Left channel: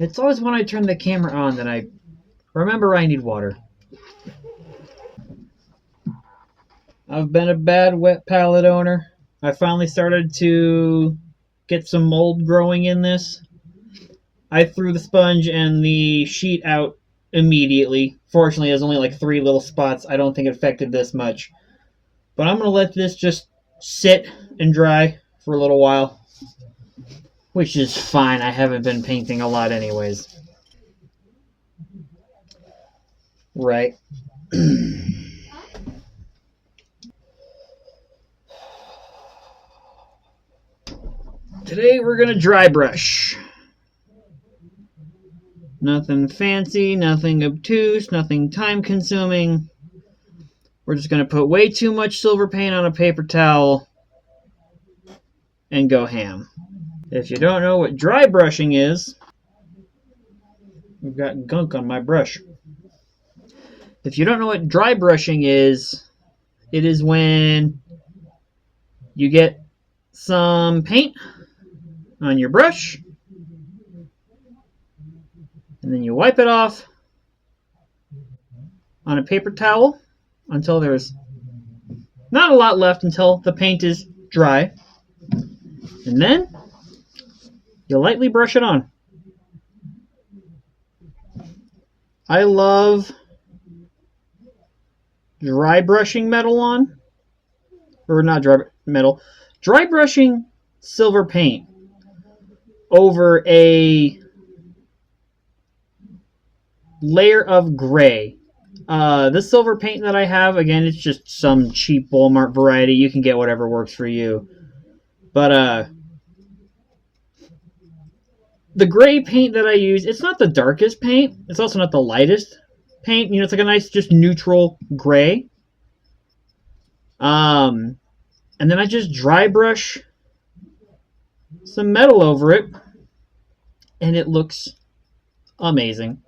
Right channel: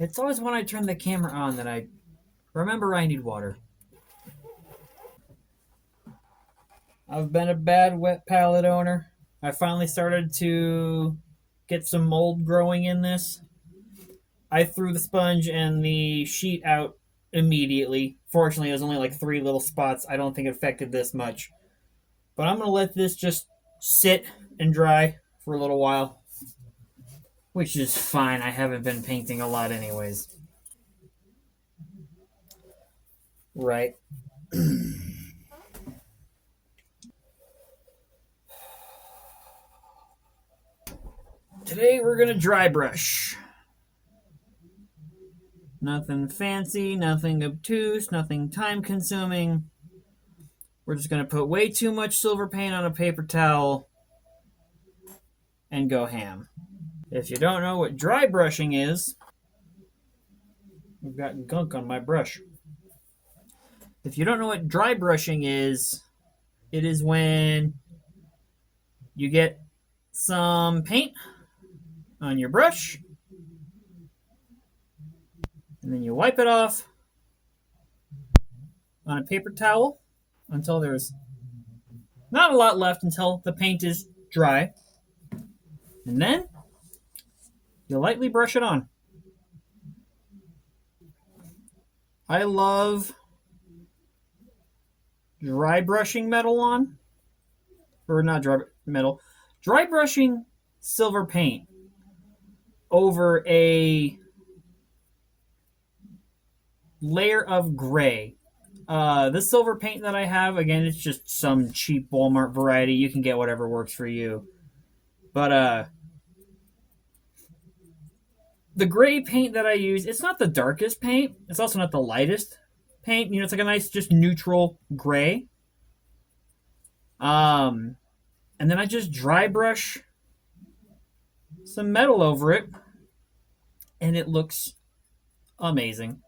It's always when I turn the camera on that I remember I need water. I've been a bad wet palette owner. I finally started to get some mold growing in this. I threw the sponge and the sheet out immediately. Fortunately, there's only like 3 little spots. I don't think it affected this much. But I'm going to let this just sit and dry for a little while. Which is fine. I haven't been painting a lot anyways. Right. Today we're going to dry brush. Nothing fancy, nothing obtuse, nothing time consuming. We're just going to put way too much silver paint on a paper towel and go ham. If you don't know what dry brushing is, I've got gunk on my brush. If you don't know what dry brushing is, it is when you get some paint on your brush and then you wipe it off on a paper towel until there's not a lot left until the paint is dry. And then you lightly brush it on. I love dry brushing metal on. Or not dry metal. Dry brushing silver paint over a layer of gray. This silver paint that I have, again, it's just some cheap Walmart variety. You can get whatever works for you. But the gray paint that I use, it's not the darkest paint. It's also not the lightest paint. You know, it's like a nice, just neutral gray. And then I just dry brush some metal over it, and it looks amazing.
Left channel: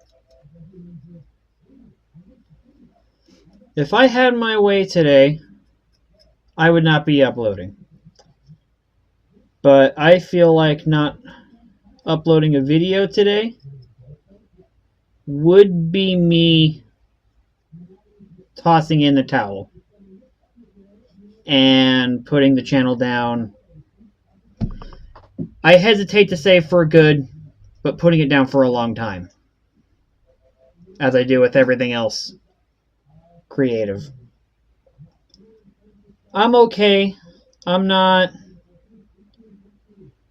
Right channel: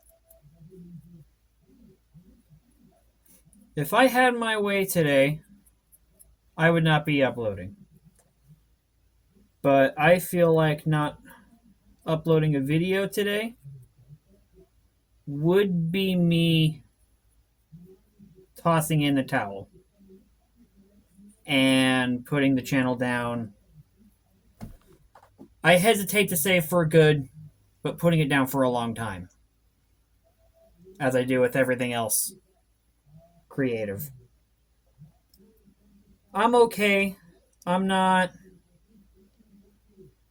If I had my way today, I would not be uploading. But I feel like not uploading a video today would be me tossing in the towel and putting the channel down. I hesitate to say for good, but putting it down for a long time, as I do with everything else creative. I'm okay. I'm not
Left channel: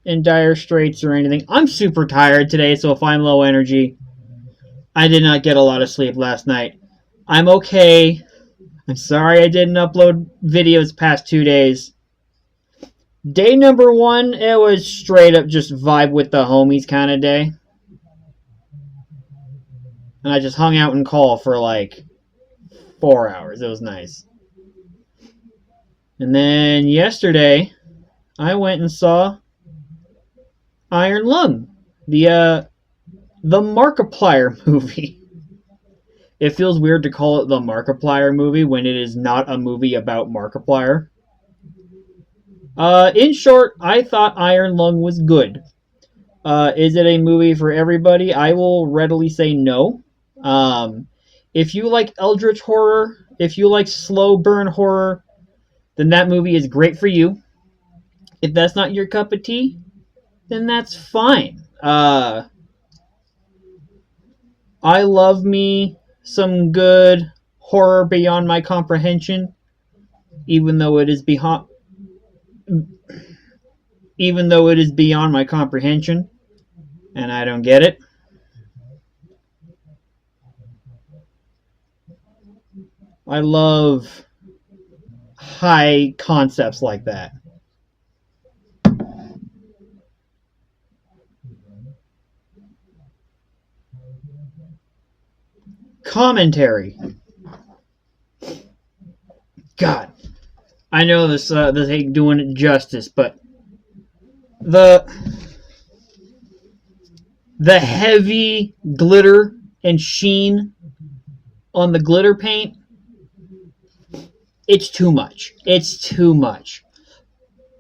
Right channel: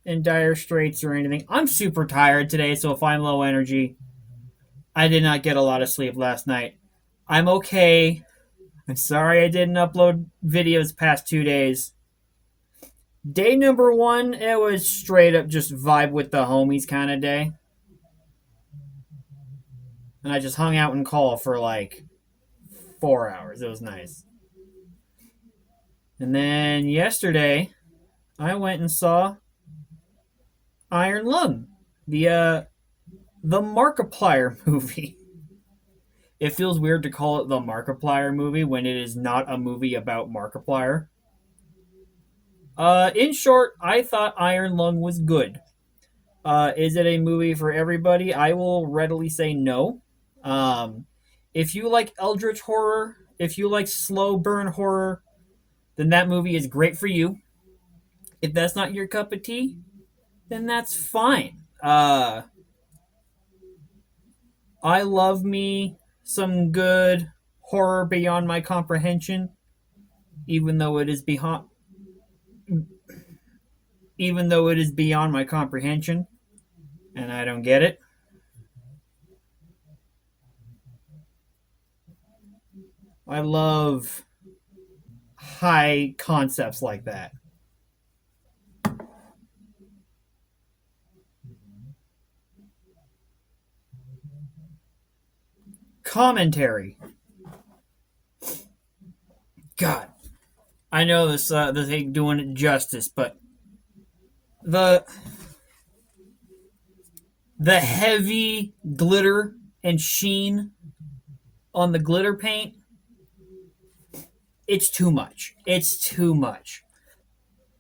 in dire straits or anything. I'm super tired today, so if I'm low energy, I did not get a lot of sleep last night. I'm okay. I'm sorry I didn't upload videos past 2 days. Day number 1, it was straight up just vibe with the homies kind of day. And I just hung out and called for like 4 hours. It was nice. And then yesterday, I went and saw Iron Lung, the Markiplier movie. It feels weird to call it the Markiplier movie when it is not a movie about Markiplier. In short, I thought Iron Lung was good. Is it a movie for everybody? I will readily say no. If you like eldritch horror, if you like slow burn horror, then that movie is great for you. If that's not your cup of tea, then that's fine. I love me some good horror beyond my comprehension, even though it is beyond my comprehension, and I don't get it. I love high concepts like that. Commentary. God, I know this ain't doing it justice, but the heavy glitter and sheen on the glitter paint, it's too much. It's too much.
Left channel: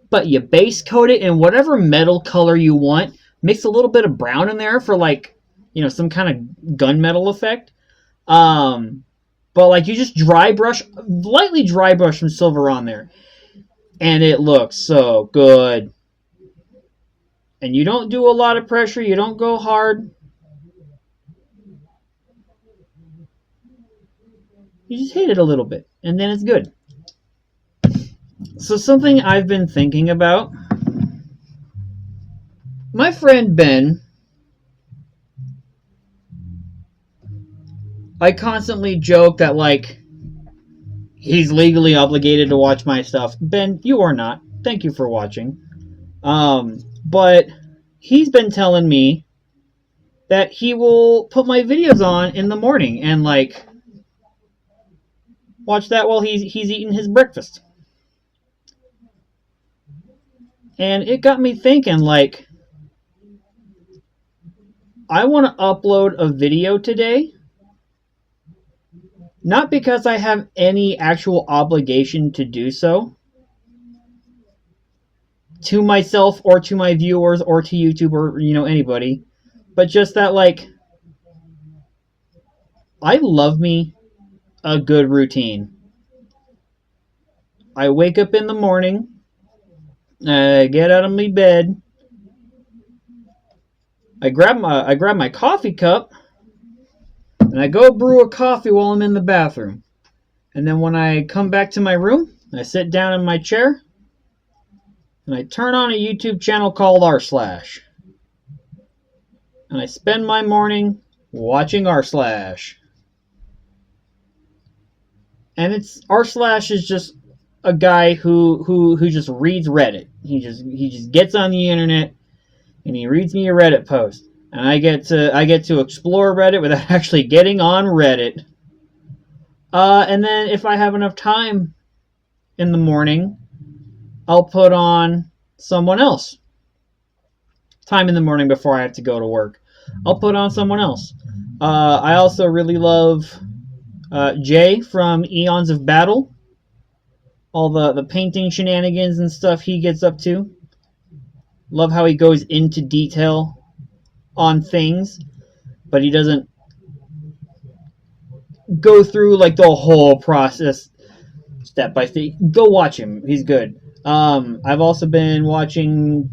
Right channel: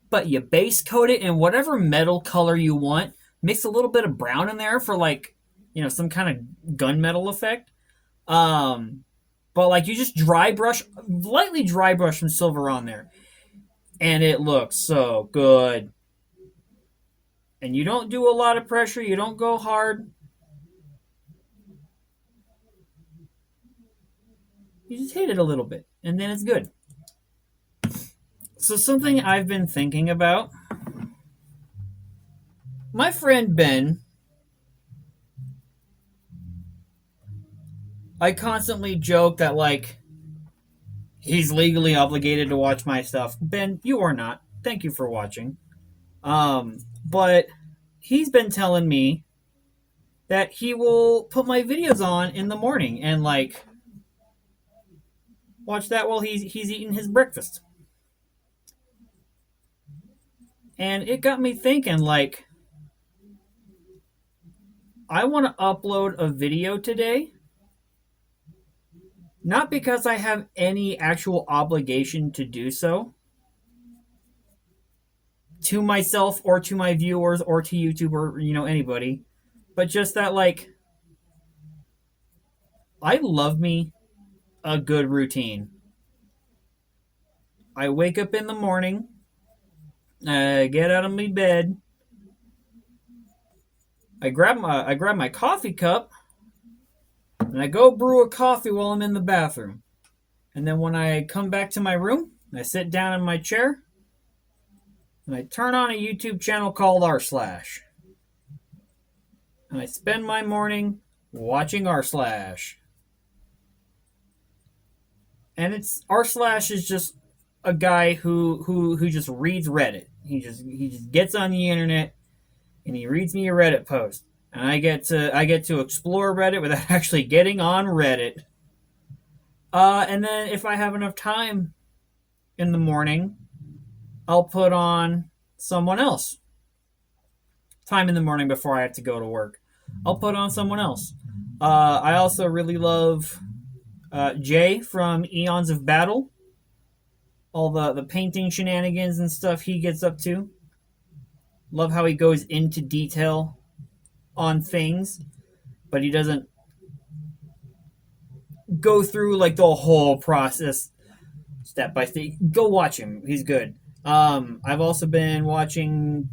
But you base coat it in whatever metal color you want. Mix a little bit of brown in there for like some kind of gunmetal effect. But like you just lightly dry brush some silver on there, and it looks so good. And you don't do a lot of pressure, you don't go hard. You just hit it a little bit, and then it's good. So something I've been thinking about, my friend Ben, I constantly joke that like he's legally obligated to watch my stuff. Ben, you are not. Thank you for watching. But he's been telling me that he will put my videos on in the morning and like watch that while he's eating his breakfast. And it got me thinking, like, I want to upload a video today, not because I have any actual obligation to do so to myself or to my viewers or to YouTube or anybody, but just that like I love me a good routine. I wake up in the morning, I get out of my bed, I grab my coffee cup, and I go brew a coffee while I'm in the bathroom. And then when I come back to my room, I sit down in my chair, and I turn on a YouTube channel called r/. And I spend my morning watching r/. And it's r/ is just a guy who just reads Reddit. He just gets on the internet and he reads me a Reddit post. And I get to explore Reddit without actually getting on Reddit. And then if I have enough time in the morning, I'll put on someone else. Time in the morning before I have to go to work, I'll put on someone else. I also really love Jay from Eons of Battle. All the painting shenanigans and stuff he gets up to. Love how he goes into detail on things, but he doesn't go through like the whole process step by step. Go watch him. He's good. I've also been watching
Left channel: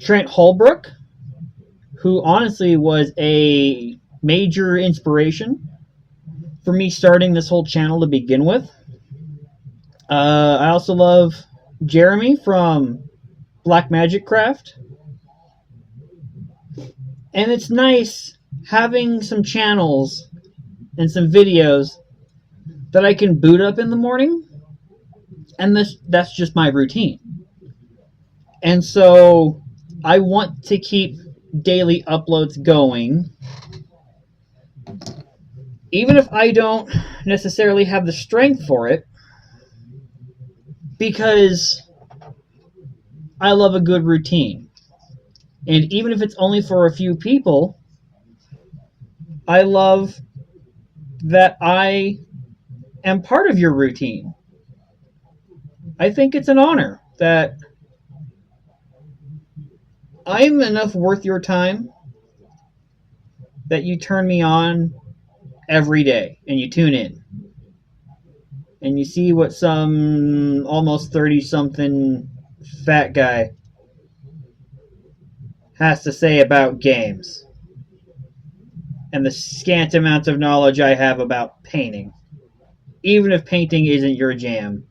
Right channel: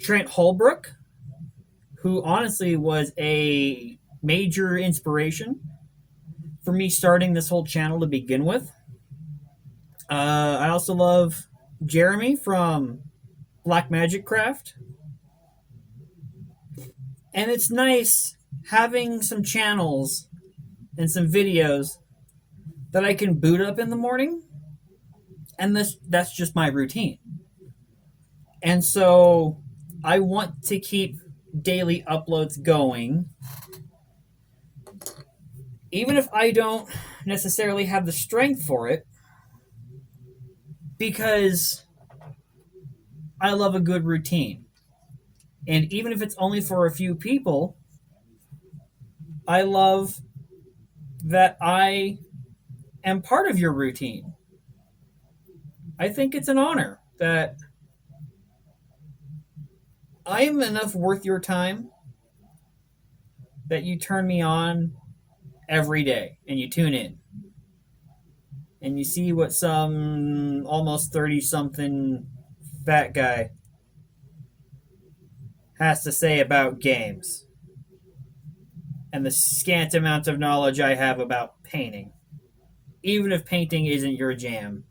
Trent Holbrook, who honestly was a major inspiration for me starting this whole channel to begin with. I also love Jeremy from Black Magic Craft. And it's nice having some channels and some videos that I can boot up in the morning. And that's just my routine. And so I want to keep daily uploads going, even if I don't necessarily have the strength for it, because I love a good routine. And even if it's only for a few people, I love that I am part of your routine. I think it's an honor that I'm enough worth your time that you turn me on every day and you tune in. And you see what some almost 30-something fat guy has to say about games. And the scant amount of knowledge I have about painting. Even if painting isn't your jam.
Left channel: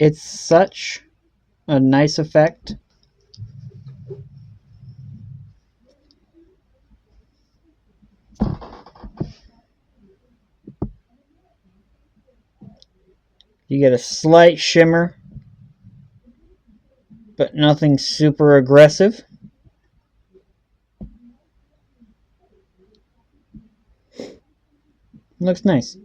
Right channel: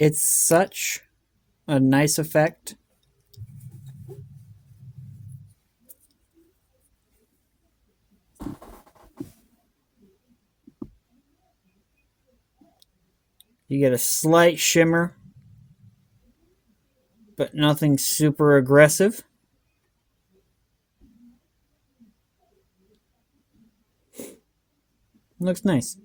It's such a nice effect. You get a slight shimmer, but nothing super aggressive. Looks nice.